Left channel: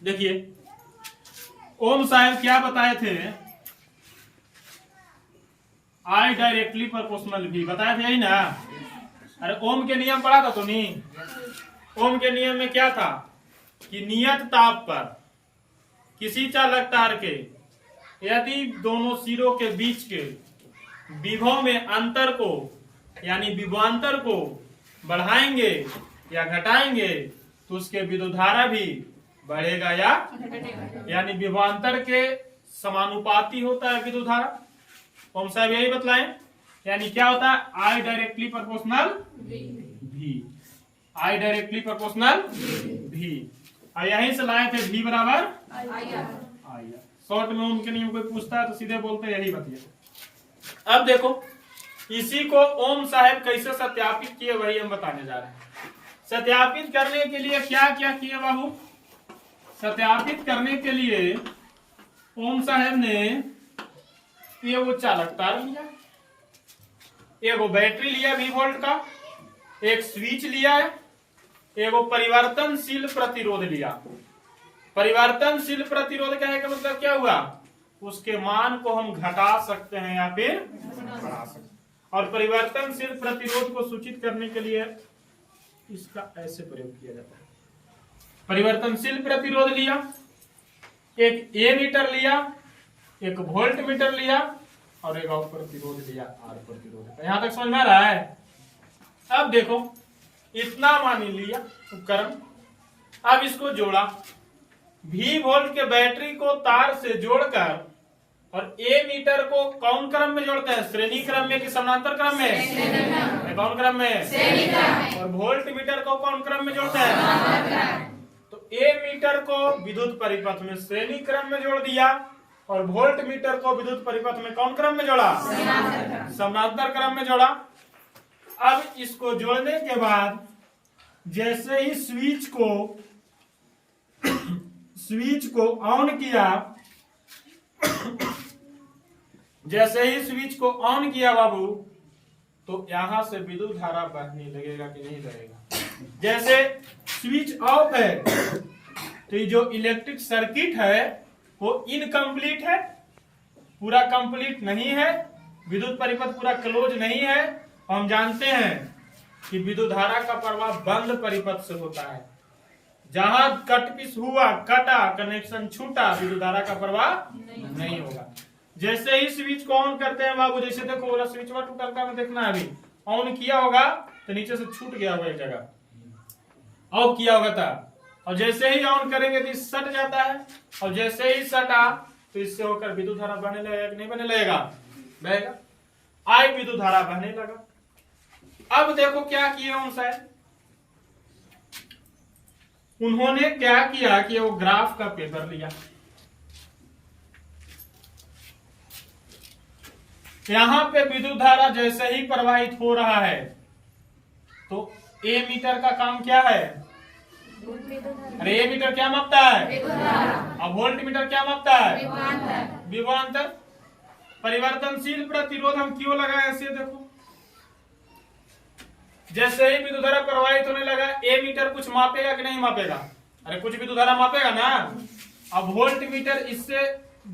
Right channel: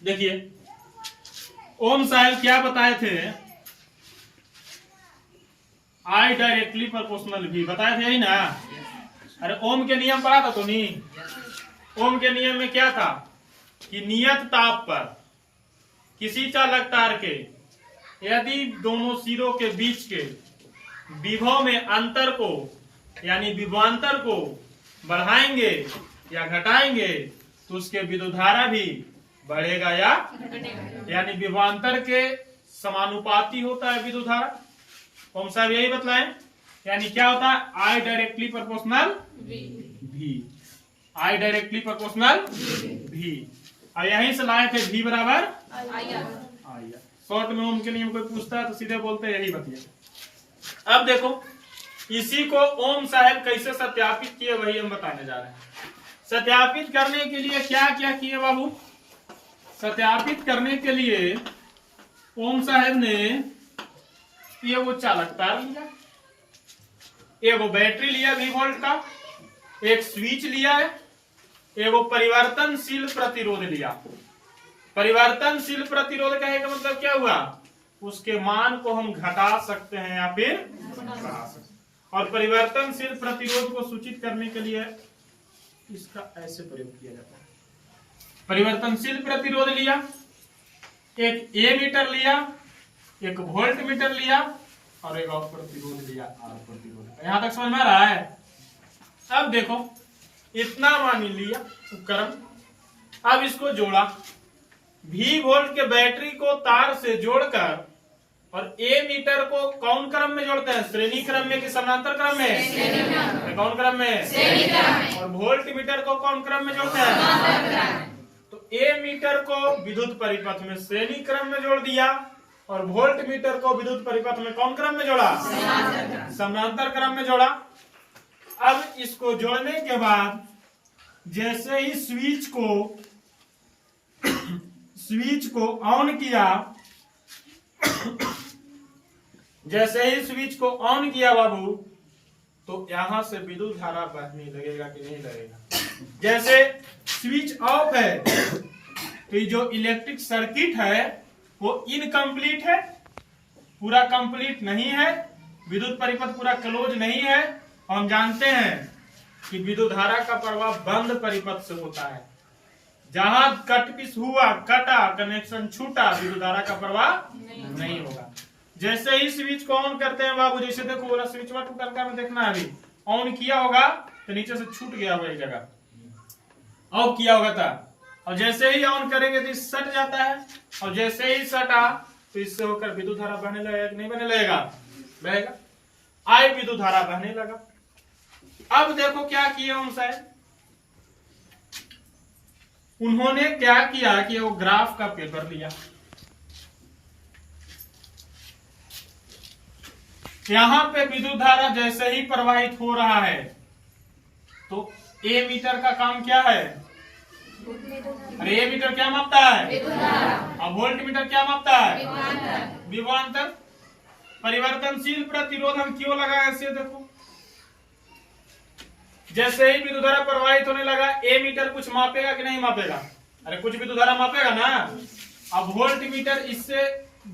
देखिए ओम साहब क्या बताए थे, आई डायरेक्टली प्रोपोर्शनल भी बताए थे ही ना। अरे ओम के नियम पढ़ा था तो नहीं। ओम के नियम में क्या था कि नियत ताप पर किसी चालक तार के यदि दोनों सिरों के बीच के विभव में अंतर को यानी विभवांतर को बढ़ाएंगे या घटाएंगे तो उसके विद्युतधारा भी बढ़ेगा या यानी विभवांतर के समानुपाती होता है विद्युतधारा। ओम साहब यही बतलाएं, यानी क्या होता है आई डायरेक्टली प्रोपोर्शनल भी, आई डायरेक्टली प्रोपोर्शनल भी। और यहीं से लाए थे भी बराबर आई। शॉर्ट में उनके नियम कोई पूछता है तो सीधे बोलते हैं यही बतिया। अब देखो इसी को ओम साहब कैसे सत्यापित किए वही हम बताने जा रहे हैं। सत्यापित करने के लिए क्या क्या किए बाबू, सत्यापित करने के लिए ओम साहब ने ये वो चालक तार लिया, एगो बैटरी लिया 20 वोल्ट का, एक स्विच लिया है, एगो परिवर्तनशील प्रतिरोध लिया। परिवर्तनशील प्रतिरोध कहने का मतलब क्या हुआ, उसके मान को हम घटा सकते हैं या फिर बढ़ा सकते हैं। और परिवर्तनशील प्रतिरोध को सूचित करने के लिए इसका ऐसे प्रयोग किया जाता है। परिवर्तनशील प्रतिरोध लिया, एक ए मीटर लिया, एक वोल्ट मीटर लिया और एक और प्रतिरोध लिया आर प्रतिरोध। यहां तक समझ में आ रहा है। अब देखो इतना मान लिया उपकरण, अब इसको जोड़ा, V वोल्ट के बैटरी को तार से जोड़कर और ए मीटर को कौन क्रम में जोड़ते हैं, श्रेणी क्रम में कि समानांतर क्रम में, कौन क्रम में, और वोल्ट मीटर को कौन क्रम में जोड़ते हैं। तो ए मीटर को विद्युत परिपथ में श्रेणी क्रम में जोड़ दिया और वोल्ट मीटर को विद्युत परिपथ में कौन क्रम में जोड़ा, समानांतर क्रम में जोड़ा। अब इसको जोड़ने के बाद जैसे ही स्विच को ऑन किया, जैसे ही स्विच को ऑन किया बाबू तो यहां से विद्युत धारा बहने लगेगा कि नहीं लगेगा। जैसे स्विच ऑफ है तो ये जो इलेक्ट्रिक सर्किट है वो इनकम्प्लीट है, पूरा कंप्लीट नहीं है, विद्युत परिपथ पूरा क्लोज नहीं है। हम जानते हैं कि विद्युत धारा का प्रवाह बंद परिपथ से होता है। जहां कट पिस हुआ, कटा, कनेक्शन छूटा, विद्युत धारा का प्रवाह नहीं होगा। जैसे ही स्विच को ऑन करते हैं बाबू, जैसे देखो बोला स्विच वा टूटा में देखना है, अभी ऑन किया होगा तो नीचे से छूट गया होगा एक जगह, ऑफ किया होगा था, और जैसे ही ऑन करेंगे तो सट जाता है, और जैसे ही सटा तो इससे होकर विद्युत धारा बहने लगेगा कि नहीं बहने लगेगा, बहेगा। आई विद्युत धारा बहने लगा। अब देखो क्या किया ओम साहब, उन्होंने क्या किया कि वो ग्राफ का पेपर लिया, यहां पे विद्युत धारा जैसे ही प्रवाहित हो रहा है तो ए मीटर का काम क्या है, अरे ए मीटर क्या मापता है, अब वोल्ट मीटर क्या मापता है, विभवांतर। परिवर्तनशील प्रतिरोध हम क्यों लगाए ऐसे देखो, जैसे ही विद्युत धारा प्रवाहित होने लगा ए मीटर कुछ मापेगा कि नहीं मापेगा, अरे कुछ विद्युत धारा मापेगा ना। अब वोल्ट मीटर इससे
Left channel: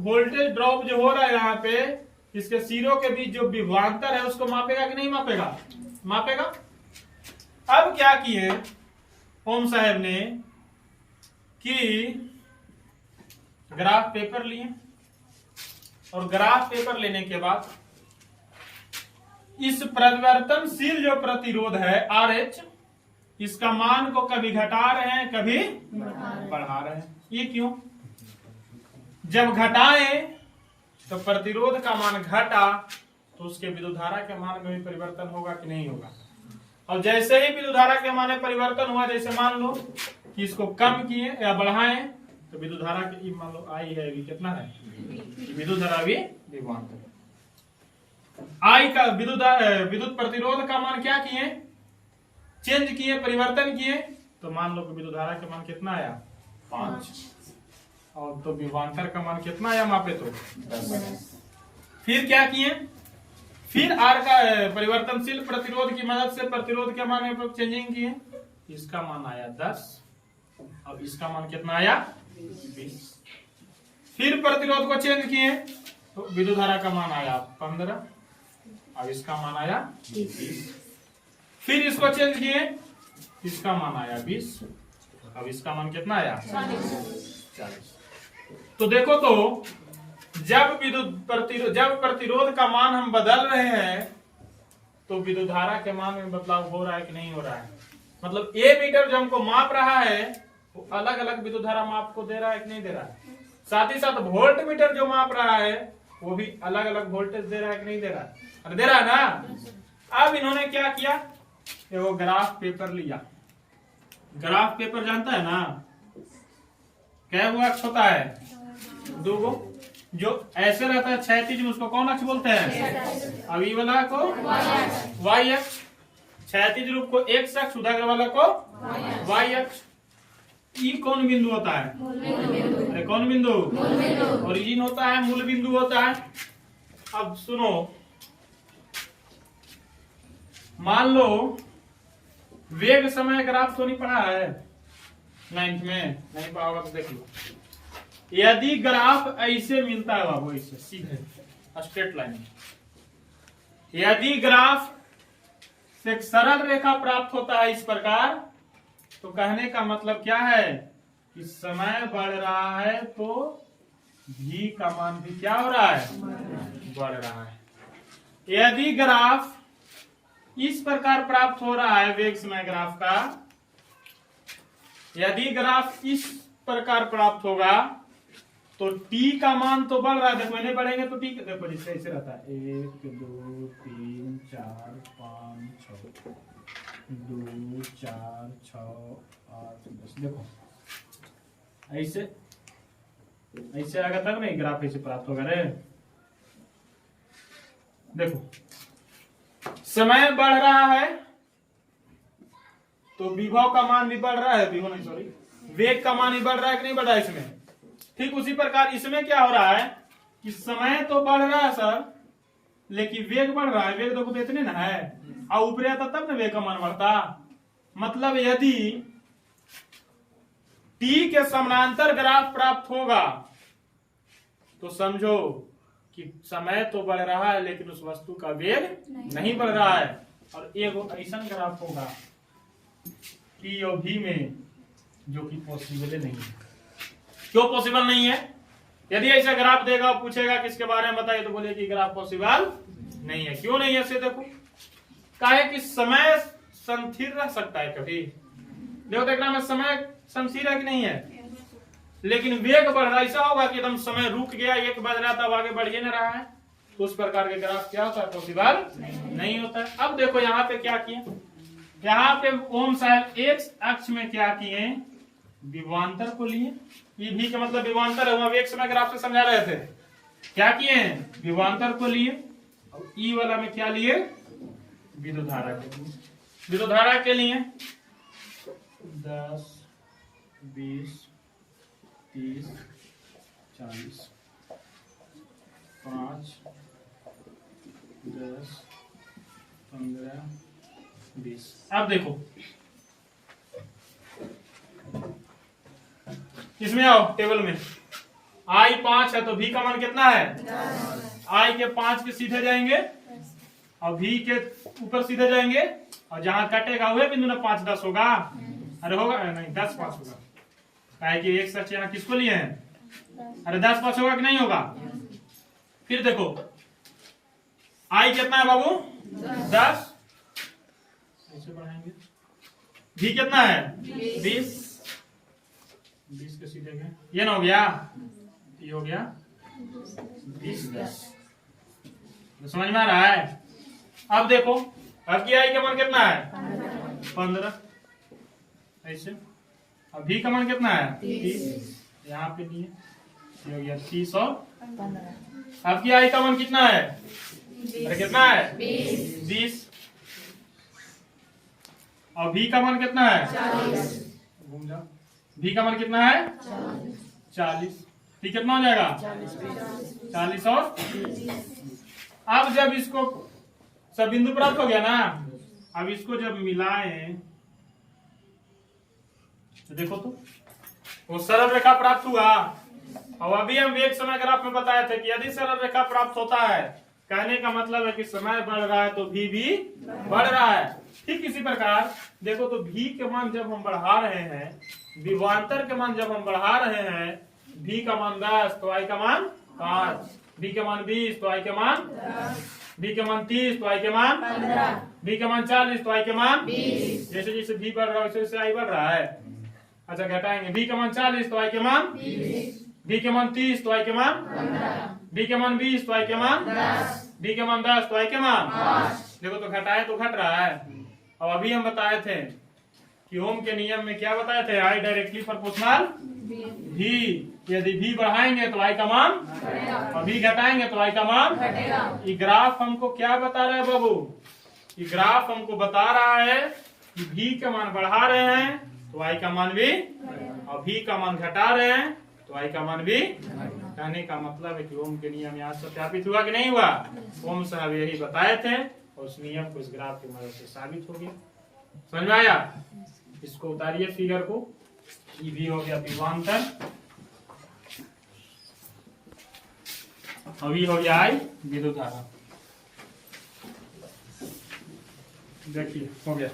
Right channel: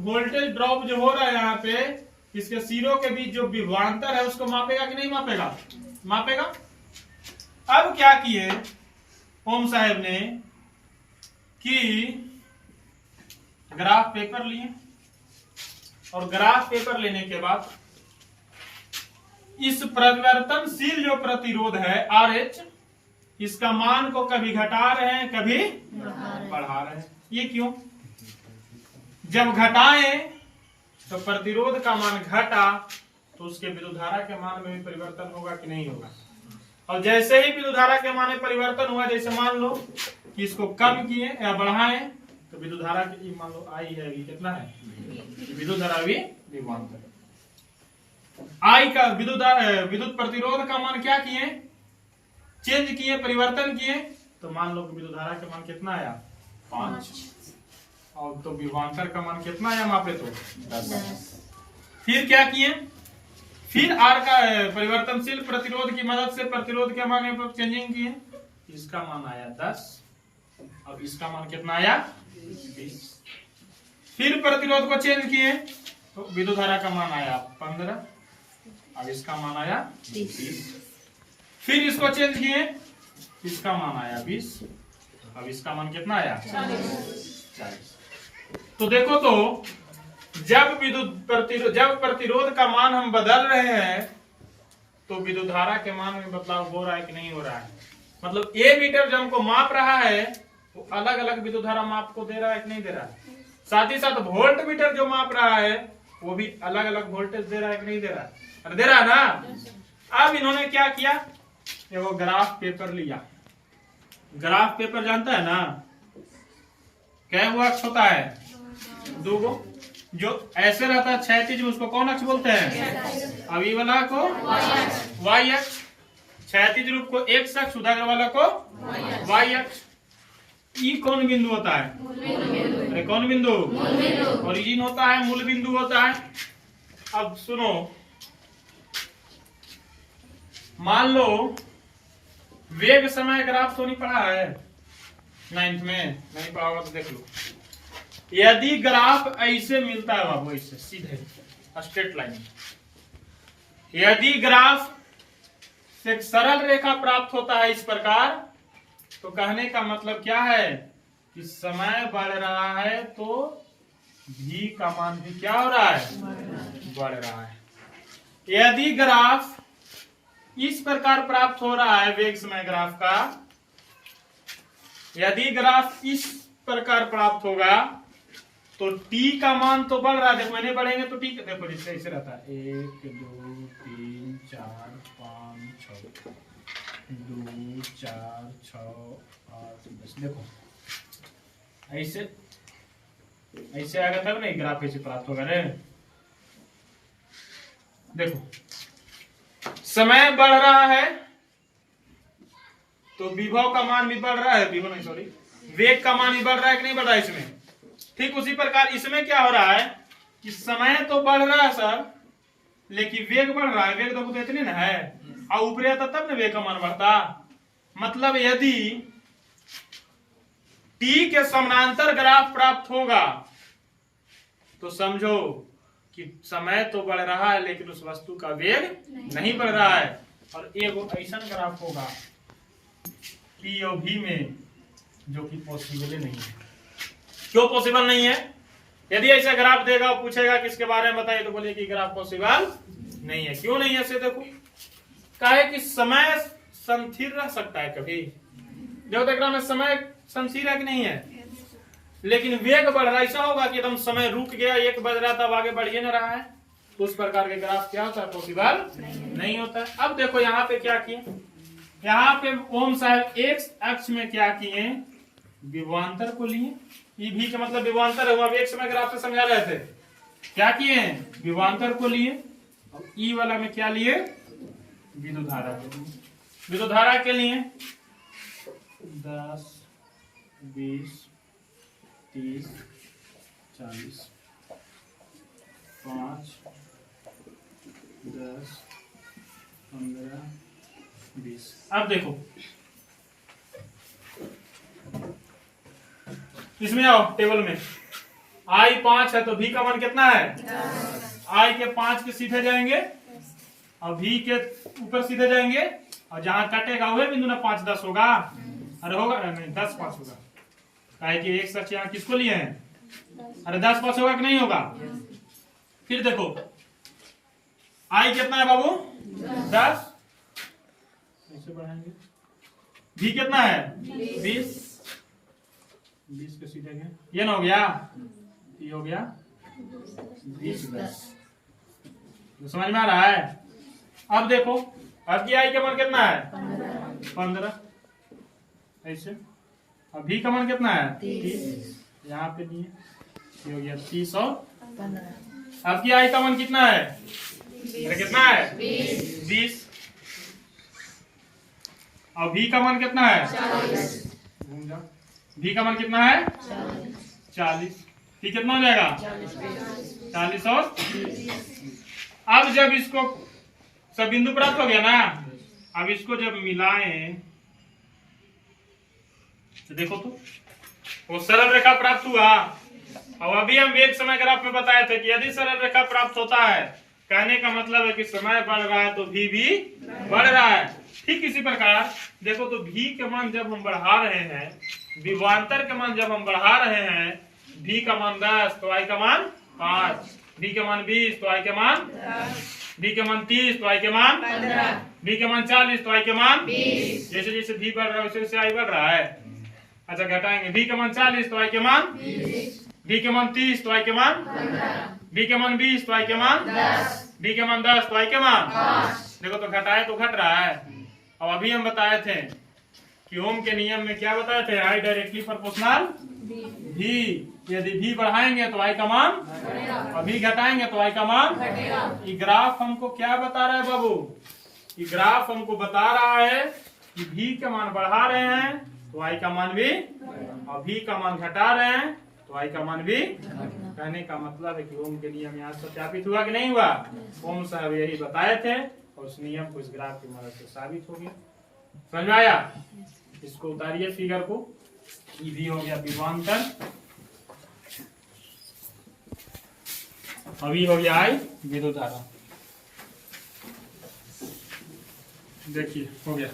वोल्टेज ड्रॉप जो हो रहा है यहाँ पे इसके सिरों के बीच जो विभवांतर है उसको मापेगा कि नहीं मापेगा, मापेगा। अब क्या किए ओम साहब ने कि ग्राफ पेपर लिए, और ग्राफ पेपर लेने के बाद इस परिवर्तनशील जो प्रतिरोध है RH, इसका मान को कभी घटा रहे हैं कभी बढ़ा रहे हैं। ये क्यों, जब घटाएं तो प्रतिरोध का मान घटा तो उसके विद्युत धारा के मान में भी परिवर्तन होगा कि नहीं होगा। और जैसे ही विद्युत धारा के मान में परिवर्तन हुआ, जैसे मान लो कि इसको कम किए या बढ़ाएं तो विद्युत धारा की मान लो आई है, अभी कितना है, विद्युत धारा भी विभवांतर आई का विद्युत प्रतिरोध का मान क्या किए, चेंज किए, परिवर्तन किए, तो मान लो कि विद्युत धारा का मान कितना आया 5, और तो विभवांतर का मान कितना आया वहां पे तो 10। फिर क्या किए, फिर आर का परिवर्तनशील प्रतिरोध की मदद से प्रतिरोध के मान में चेंजिंग किए, इसका मान आया 10 और इसका मान कितना आया 20। फिर प्रतिरोध को चेंज किए तो विद्युत धारा का मान आया 15, अब इसका मान आया 30। फिर इसको चेंज किए, इसका मान आया 20, अब इसका मान कितना आया 40। तो देखो तो जब प्रतिरोध का मान हम बदल रहे हैं तो विद्युत धारा के मान में बदलाव हो रहा है कि नहीं हो रहा है। मतलब ए मीटर जो हमको माप रहा है वो अलग अलग विद्युत धारा माप को दे रहा है कि नहीं दे रहा है। साथ ही साथ वोल्ट मीटर जो माप रहा है वो भी अलग अलग वोल्टेज दे रहा है कि नहीं दे रहा है। अरे दे रहा है ना। अब इन्होंने क्या किया, वो ग्राफ पेपर लिया। ग्राफ पेपर जानता है ना, क्या हुआ अक्ष होता है 2 गो, जो ऐसे रहता है क्षैतिज में उसको कौन अक्ष बोलते हैं, अभी वाला को वाई अक्ष, क्षैतिज रूप को एक्स अक्ष, उधर वाला को वाई अक्ष। ई कौन बिंदु होता है, अरे कौन बिंदु, ओरिजिन होता है, मूल बिंदु होता है। अब सुनो, मान लो वेग समय ग्राफ तो नहीं पढ़ा है 9th में, नहीं पढ़ा होगा तो देख लो। यदि ग्राफ ऐसे मिलता है बाबू, ऐसे सीधे स्ट्रेट लाइन, यदि ग्राफ से एक सरल रेखा प्राप्त होता है इस प्रकार, तो कहने का मतलब क्या है कि समय बढ़ रहा है तो v का मान भी क्या हो रहा है, बढ़ रहा है। यदि ग्राफ इस प्रकार प्राप्त हो रहा है वेग समय ग्राफ का, यदि ग्राफ इस प्रकार प्राप्त होगा तो t का मान तो बढ़ रहा है। देखो मैंने बढ़ेंगे तो t देखो जैसे ऐसे रहता है 1 2 3 4 5 6 2 4 6 8 10। देखो ऐसे ऐसे आएगा तब नहीं ग्राफ ऐसे प्राप्त होगा रे। देखो समय बढ़ रहा है तो विभव का मान भी बढ़ रहा है, विभव नहीं सॉरी, वेग का मान भी बढ़ रहा है कि नहीं बढ़ रहा है इसमें। ठीक उसी प्रकार इसमें क्या हो रहा है कि समय तो बढ़ रहा है सर, लेकिन वेग बढ़ रहा है। वेग देखो तो इतने ना है, और ऊपर आता तब ना वेग का मान बढ़ता। मतलब यदि t के समानांतर ग्राफ प्राप्त होगा तो समझो कि समय तो बढ़ रहा है लेकिन उस वस्तु का वेग नहीं बढ़ रहा है। और एक ऐसा ग्राफ होगा p और v में जो कि पॉसिबल नहीं है। क्यों पॉसिबल नहीं है? यदि ऐसा ग्राफ देगा पूछेगा किसके बारे में बताइए तो बोले कि ग्राफ पॉसिबल नहीं है। क्यों नहीं है से देखो, काहे कि समय संस्थिर रह सकता है कभी, देखो देखना में समय संस्थिर है कि नहीं है, लेकिन वेग बढ़ रहा है। ऐसा होगा कि एकदम समय रुक गया, 1 बज रहा था, अब आगे बढ़ ही नहीं रहा है, तो उस प्रकार के ग्राफ क्या होता है, पॉसिबल नहीं होता है। अब देखो यहाँ पे क्या किए, यहाँ पे ओम साहब एक्स अक्ष में क्या किए, विभवांतर को लिए। ये भी का मतलब विभवांतर है, हम एक समय ग्राफ से समझा रहे थे। क्या किए हैं, विभवांतर को लिए, और ई वाला में क्या लिए, विद्युत धारा के लिए। विद्युत धारा के लिए 10 20 30 40 5 10 15 20। अब देखो इसमें आओ टेबल में, आई 5 है तो v का मान कितना है, आई के 5 के सीधे जाएंगे और v के ऊपर सीधे जाएंगे, और जहां कटेगा वह बिंदु ना 5 10 होगा। अरे होगा नहीं, 10 5 होगा, काहे कि एक सच यहाँ किसको लिए हैं, अरे 10 5 होगा कि नहीं होगा। फिर देखो आई कितना है बाबू, 10, ऐसे बढ़ाएंगे, v कितना है 20 के सीधे गए, ये ना हो गया, ये हो गया 20 10। समझ में आ रहा है। अब देखो अब की आई का मान कितना है 15, ऐसे। अब v का मान कितना है 30, यहाँ पे लिए, ये हो गया 30 और 15। अब की आई का मान कितना है, अरे कितना है 20, और v का मान कितना है 40, v का मान कितना है 40, ठीक कितना हो जाएगा 40 और 30। अब जब इसको सब बिंदु प्राप्त हो गया ना, अब इसको जब मिलाएं तो देखो तो वो सरल रेखा प्राप्त हुआ। और अभी हम एक समय ग्राफ में बताए थे कि यदि सरल रेखा प्राप्त होता है, कहने का मतलब है कि समय बढ़ रहा है तो भी बढ़ रहा है। ठीक इसी प्रकार देखो तो भी के मान जब हम बढ़ा रहे हैं, विभवांतर के मान जब हम बढ़ा रहे हैं, भी का मान 10 तो आई का मान 5, भी के मान 20 तो आई के मान 10, भी के मान 30 तो आई के मान 15, भी के मान 40 तो आई के मान 20। जैसे जैसे भी बढ़ रहा है वैसे वैसे आई बढ़ रहा है। अच्छा घटाएंगे, भी के मान 40 तो आई के मान 20, भी के मान 30 तो आई के मान 15, भी के मान 20 तो आई के मान 10, भी के मान 10 तो आई के मान 5। देखो तो घटाए तो घट रहा है। और अभी हम बताए थे कि ओम के नियम में क्या बताए थे, आई डायरेक्टली प्रोपोर्शनल भी। यदि भी बढ़ाएंगे तो आई का मान और भी घटाएंगे तो आई का मान घटेगा। ये ग्राफ हमको क्या बता रहा है बाबू, ये ग्राफ हमको बता रहा है कि भी का मान बढ़ा रहे हैं तो आई का मान भी, और भी का मान घटा रहे हैं तो आई का मान भी। कहने का मतलब है कि ओम के नियम यहाँ सत्यापित हुआ कि नहीं हुआ। ओम साहब यही बताए थे और उस नियम को इस ग्राफ की मदद से साबित हो गया। समझ में आया? इसको उतारिए फिगर को। ये भी हो गया विभवांतर, अभी हो गया आई विद्युत धारा। देखिए हो गया।